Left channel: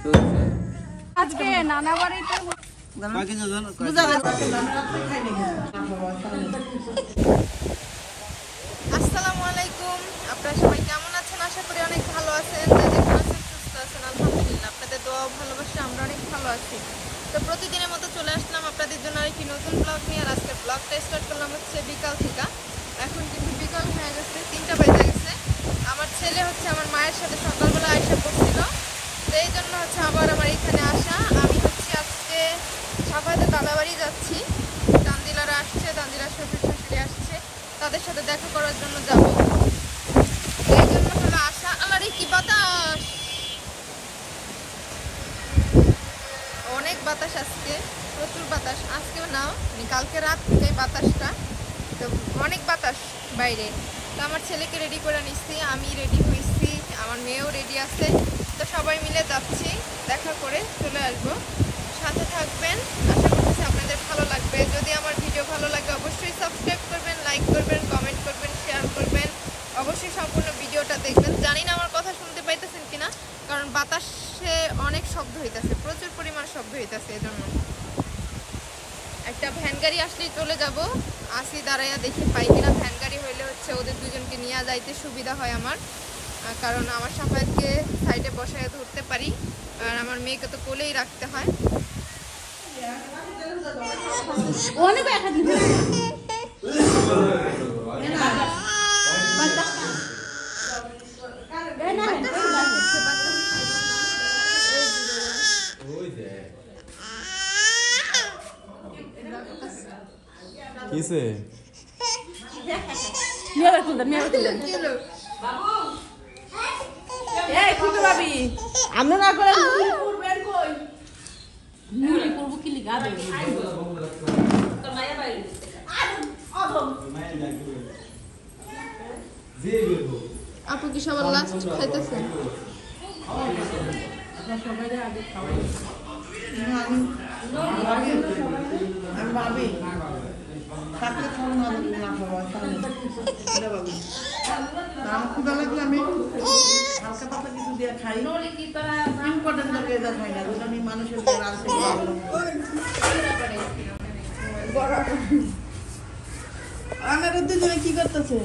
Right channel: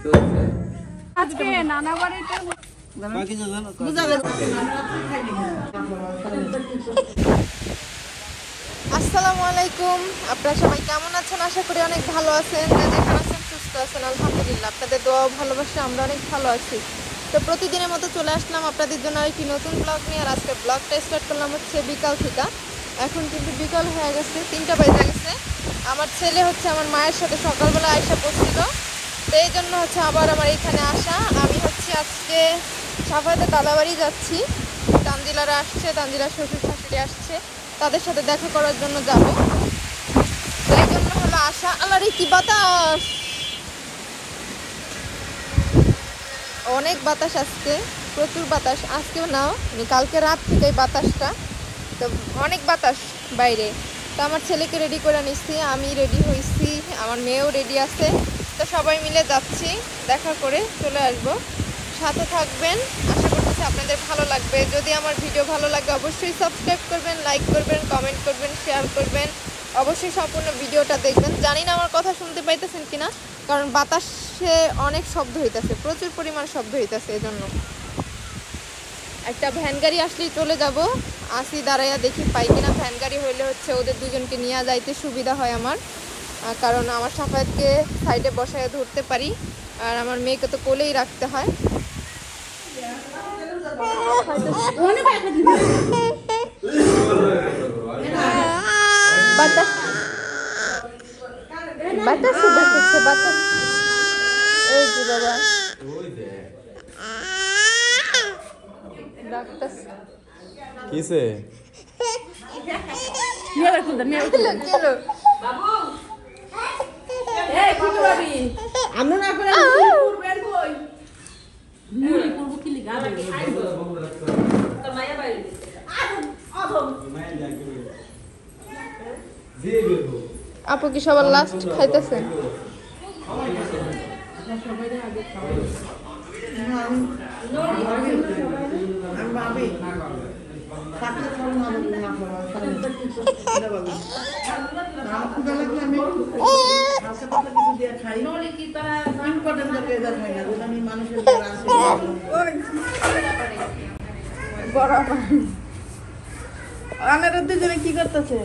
আজকে নানা বাড়িতে আসসালামু আলাইকুম। আপনারা সবাই কেমন আছেন? আশা করি অনেক ভালো আছেন, যেখানে আছেন সুস্থ আছেন। আলহামদুলিল্লাহ, আপনাদের দোয়া ভালোবাসা আমরা অনেক ভালো আছি। তো প্রতিদিনের মতো চলে আসলাম আপনাদের জন্য আরেকটি নতুন ব্লগ নিয়ে। আর আজকে ব্লগটা স্টার্ট করলাম হচ্ছে বিকাল থেকে। এখন কিন্তু বিকাল হয়ে গেছে, 3টা বেজে গেছে। আমার ছেলে হচ্ছে আমার মায়ের সাথে সকালবেলা আইসা পড়ছিল, তো এই জন্য হচ্ছে আবার আমার এখানে আসা। আমি হচ্ছে আজকে সাফাইতে দাদাবাড়ি যাচ্ছি। তানজিলারা আসছে, তানজিলার শ্বশুর শাশুড়ি আসছে, তাদের সাথে দেখা করার জন্য যাব। তো এই জন্য হলো আসা। আল্লাহরে কি বাতাস, অনেক বাতাস আজকে, প্রচুর বাতাস। আজকেও না, কালকে রাত থেকে বাতাসটা, তো অনেক বাতাস বাইরে। তো আমার ছেলেকে রেডি করে নিচ্ছি, আমি রেডি হয়েছি, আমার মেয়েও রেডি আছে। তো সবাই মিলে যাচ্ছি, দেখা করে চলে আসব। সাথে থাকবেন, আশা করতেছি আপনাদের ভালো লাগবে। যদি আমার ভিডিও ভালো লাগে অবশ্যই সাবস্ক্রাইব করবেন, লাইক করবেন, কমেন্ট করবেন, শেয়ার করবেন। অবশ্যই সম্পূর্ণ ভিডিওটা দেখবেন। জানি না আমার কথা শুনতে পাইতেছেন কিনা, কারণ বাতাসে অনেক শব্দ হইতেছে, প্রচুর পরিমাণ শব্দ হইতেছে। এজন্য একটা ভ্যান গাড়ি আসলেই চলে যাব। আসি দাঁড়াইয়া দেখি পাই কিনা। ভ্যান গাড়ি হইলে হচ্ছে ওদের দুজনকে নিয়ে যাইতে সুবিধা হয় আমার, কারণ আমার সাফায়াতকে সাইডে বসায় ধরতে পারি, আর আমার মেয়েকে তো কোলেই রাখতে হয়। এই যে বাবা কিসে আমরা না করে আপু কি সবার লাস্ট খাইতেছেন? দুজনে কি করতেছে?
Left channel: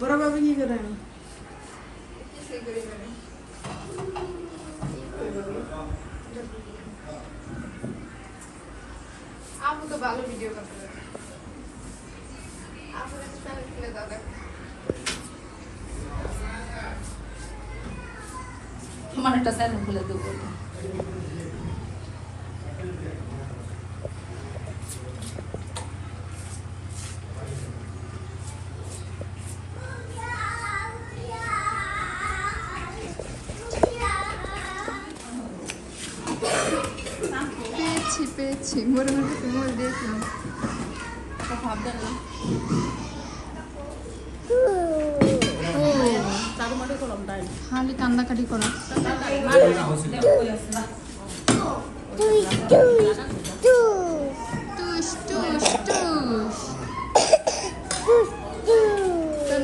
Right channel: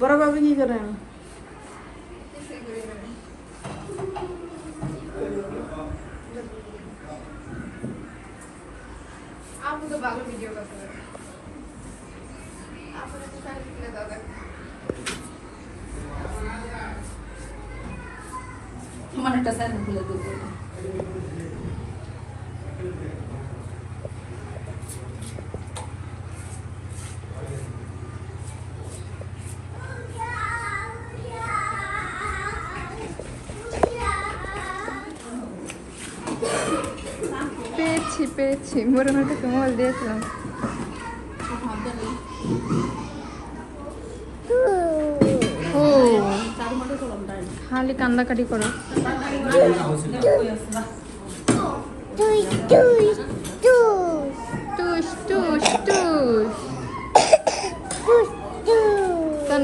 বড় বাবু কি করেন? আপু তো ভালো ভিডিও করতে পারে। তোমার একটা চ্যানেল খুলে দেবো। পেয়েছি মোড়ে মাঠে তোমার দিয়েছিলাম। খালি কান্দাকাটি করো। টুস টুস টুস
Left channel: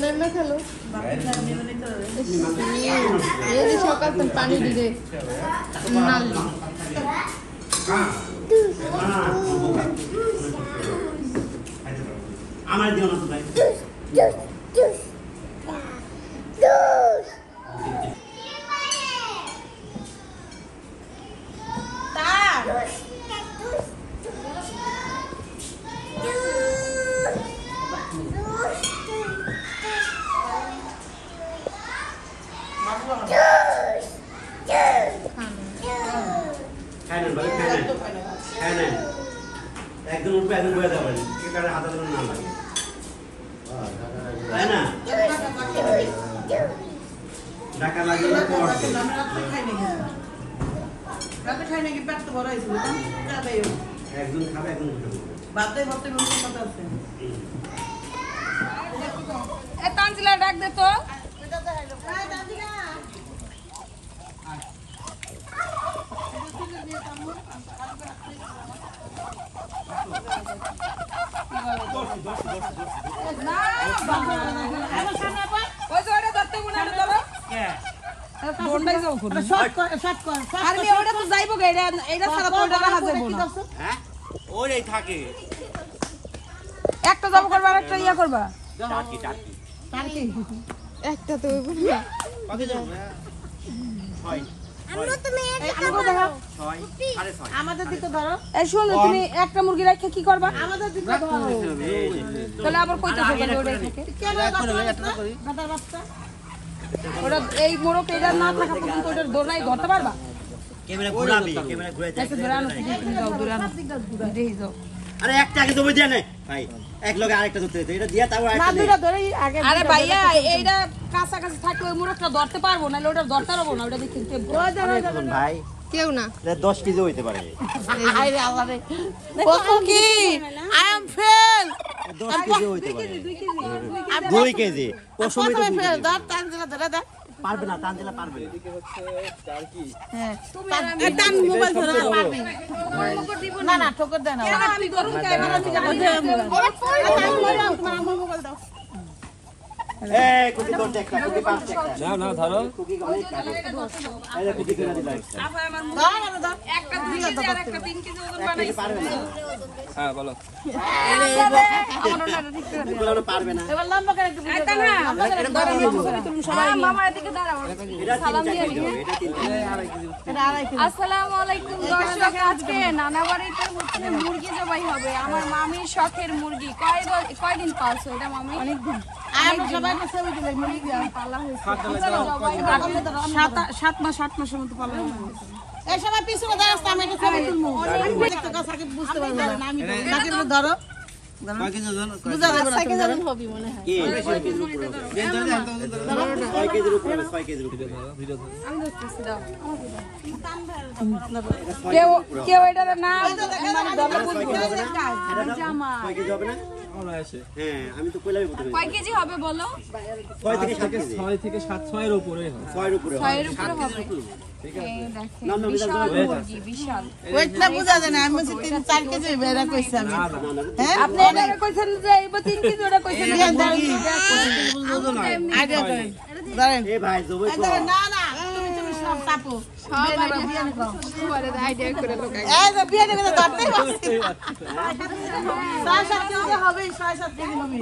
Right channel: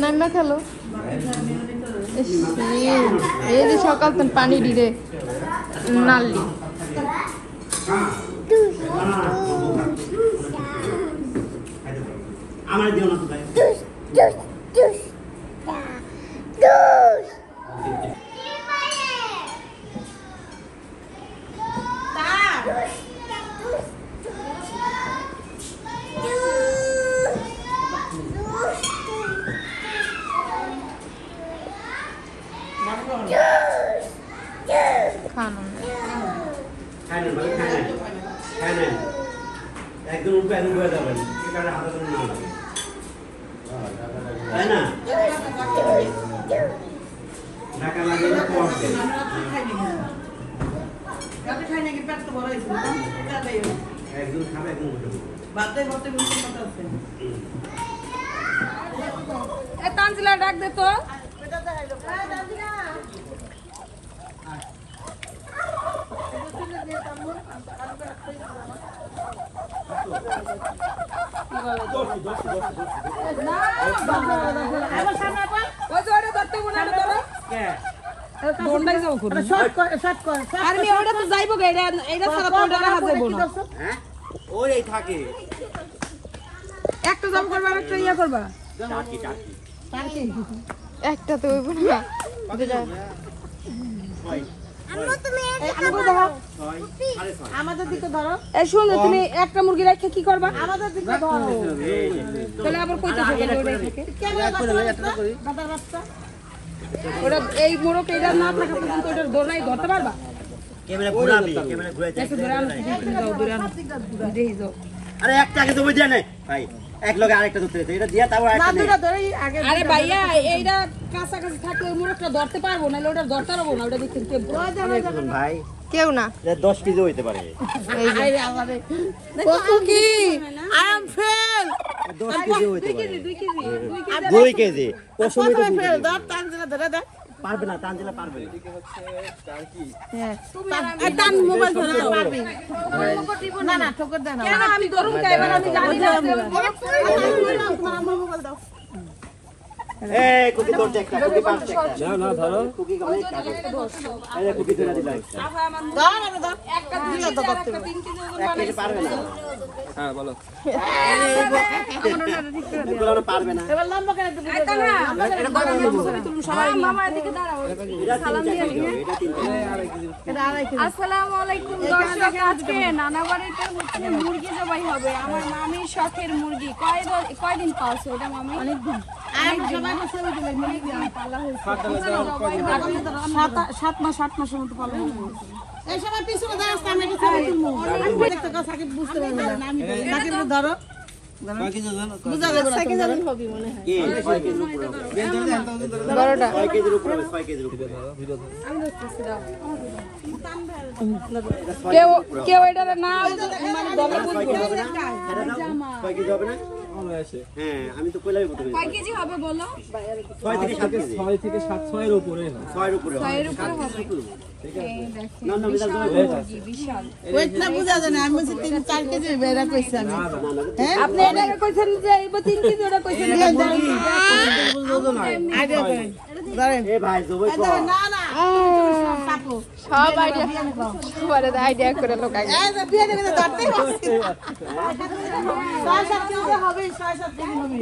নান্না খেলো। সকাল পানি দিলে নালি আমার দিও না তো ভাই। একদম উঠবে, একদম বয়ে যাবেন, হাতে না লাগে, তাই না? টাকা লাগে না তো একজন খাবে, একজন উঠে তানজিলা ডাক দে তো। না আমি ওটা তো যাইবো গে এটা সারা পড়া রাখা যাইবো না হ্যাঁ ওই এই থাকে একটা জব করবা আর একটা ইয়া করবা টাকি টাকি একটা তো হইব না কত যাও 6 আমাদের দিকে ধরো এই শুনো তুমি একটা মুরগি রেখে কি করবা আমাদের দিকে ধরো তাহলে আবার কইতে হবে কেন গাদার বাচ্চা ওরা এই মোড়ক এটা না থাকা পর্যন্ত ওটার দোনাই ধরতে পারবা ক্যামেরা ঘোরাবি ক্যামেরা ঘুরে দেখতে যাও আরে একটা আগে তুমি দেয়া নাই ভাই এক লগে আরেকটা ধরতে এটা দিয়া তারপর আরেকটা নেই আরে ভাইয়া এইটা কাছাকাছি থাকলে ওই মোড়কটা ধরতে পারবো না ওটা ধরতে পারবো না ওটা দেখতে ভাই কেউ না 10 কেজি হইতে পারে কত কি আই এম ফেল 10 কেজি হইতে পারে 2 কেজি ও সময় তো ফেল ধর টানজিলা ধরে দে পারবে না টানজিলা পারবে না হ্যাঁ টান মোবাইল ধরে পারবে না না ঠোকর দেন না আমি করুম কে এবার আমি তোমার মোবাইল দাও এই কুকি তোর দেখ কুকি পাঁচ টাকা না না ধরো কুকি অনেক কাটে এই কুকি করে দিলা আপা আমার একটা 2 কেজি আর একটা 3 কেজি ওজন বানাইছি পারবে না হ্যাঁ বলো এগুলো পারবে না এবার লম্বা করে একটু ভিডিও দাও এটা পারবে না সবাই মামার দিকে দাঁড়াও এটা 3 টাকা এটা 3 টাকা এটা আড়াই কেজি আসসালামু আলাইকুম দর্শক আজকে নানা বাড়িতে হচ্ছে মুরগি জবাই হবে আমার মামির শখের মুরগি কয়দিন পালছো এটা মামি অনেকদিন আমি সবাই তো সেবা দিলে মুরগি পালা হয়েছে 7 মাস 8 মাসের মতো পালা হয়েছে এই সময় পিছনে দাঁড়াস আমি এটা ছবি তুলমু দেখতে কথা সাকিব বুঝতে পারবে না আমি সাকিব ধরো কয় কেজি ওজন বুঝা যাবে না সাকিব জানেন হবে মনে হয় কি 6 কেজির উপরে হবে 6 কেজির উপরে হবে 6 কেজির উপরে আমি ধরতেছি দাও কেউ এটা না 6 কেজি হবে না জামা 6 কেজি হবে না হ্যাঁ আমি তো কইলাই বলতে কয় কেজি হবে বলো 6 থেকে 7 কেজি 6 থেকে 7 6 এর উপরে হয় 6 এর উপরে 6 এর উপরে হবে ঠিক আছে এই দেখেন না না মুরগি বিশাল ওইটা বুঝা যায় না আমি বলছি 3-4 কেজি বেরা কইছি আমি হ্যাঁ আপনি এটা কইছেন যে এই 3 কেজি ওটা কইছেন আইডিয়া করেন ধরেন এ ভাই জবই কো না না তুমি সব চাপো সব আইডিয়া তোমার আইডিয়া করে লোক আগে এই যে বিয়ে দেবে ধরতেই পারছি 6-7 কেজি হবে 6-7 কেজি হবে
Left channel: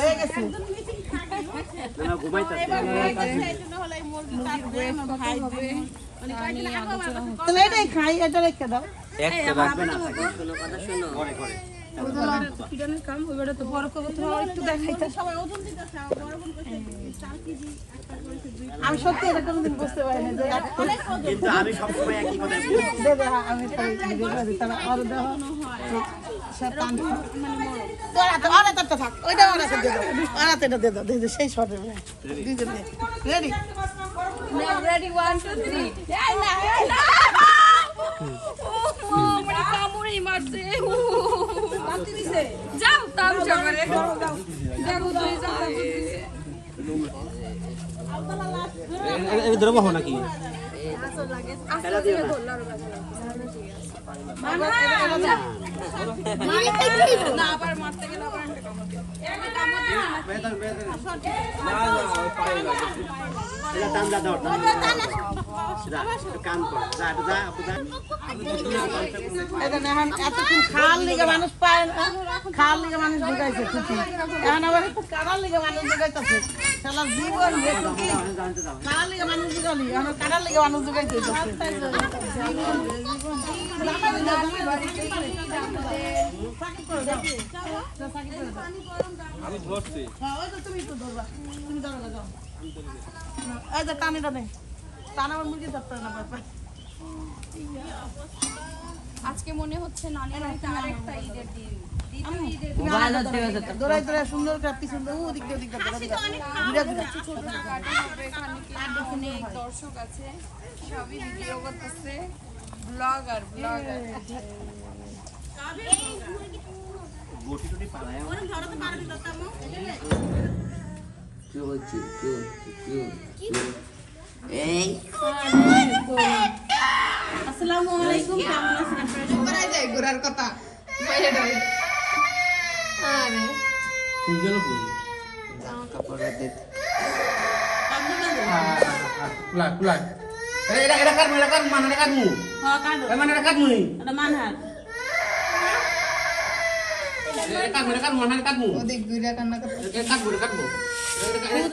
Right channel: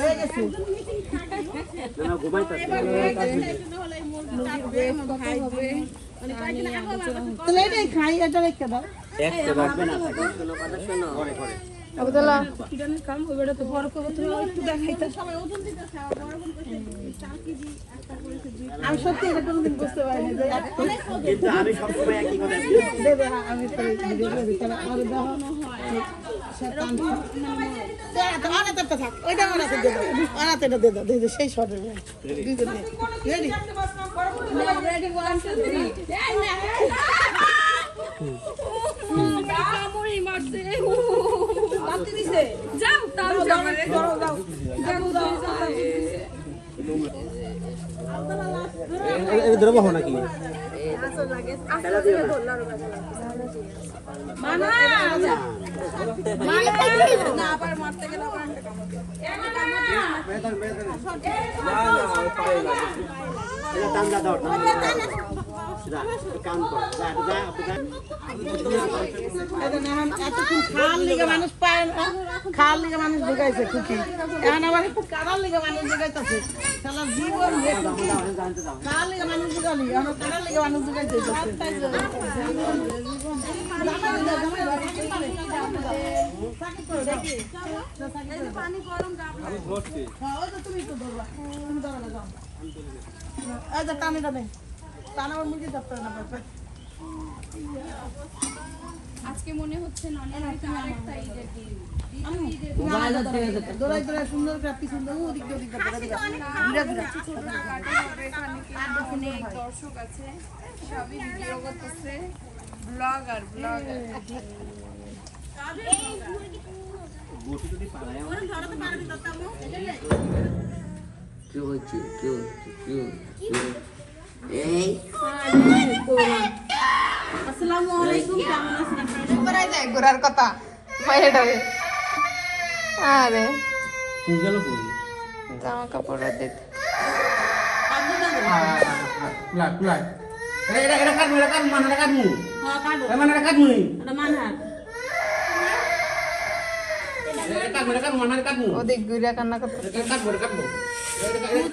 হয়ে গেছে না না ঘুমাইতা তাহলে এটাই খাই এটা রেখে দাও একটা রাখবে না কোনো কথা শোনো করে করে আব্দুল্লাহ কিডানের কাম হবে এটা তো বড় করব তুমি একটু দেখাইতে সবাই ওজন দিতে চাও বড় কোন কইছে 4 কেজি একটা করেছে 2 আমি সত্যি এটা কোনদিন বুঝতে পারি না যে কিন্তু আমি সব সময় একই কথা বলি দেবে আমি তো ভিডিও করে দিতাম আর দেখানো হয় শতান তোরা তো আরে তো থাক ওইটা আরে তো দে দাও আরে তো দে দাও দে সেই শটে রেডি রেডি 1 2 3 মানে কামড়ই মারছে বাতি দিছে যাও তাও যাবে দেখো তুই যাও এই ধরবো নাকি খেলা দিও না না আবার মারতে গেলে আবার একটা কামড় না না ওই পায়ে লাগে এটা টান দাও যা কাম কর যা যা আপু যা এটা না এতক্ষণ খাল লিগে মানুষ পায় খাল লিগে মানুষ ঢুকাইছে খুশি এখন আবার কারাল লিগে মানুষ ঢুকাইতেছে শালা জীবন জানতে দাও খাল লিগে মানুষ ঢুকালি এখন কারাল লিগে মানুষ ঢুকাইছে আমি ধরছি তুমি তো ধরবা তুমি ধরো না যাও এই যে টানিটা নেই টানা আমার মুরগি ধরতে না ব্যাপার আজকে মনে হচ্ছে নানি বাড়িতে আরেকটা ঈদের দিন দৌড়াই দৌড়াই সুন্দর করে পিছন ওদিক ওদিক অনেক দর্শক আছে সবই ভিডিও করতেছে ব্লগার বটি যদি পালায় কি বলছি এই আসসালামু আলাইকুম কেমন আছেন আপনারা করাই যায় ঘোরার কথা বাইরে আরে তুই গেল কই জামা কাপড় রোদে কুলাই কুলাই এটা কাট মানে এটা কাটমু মানে এটা কাটমু এটা কাটমু মানে কাটমু ওদিক ঘুরে কান্না করতে এটা কাটমু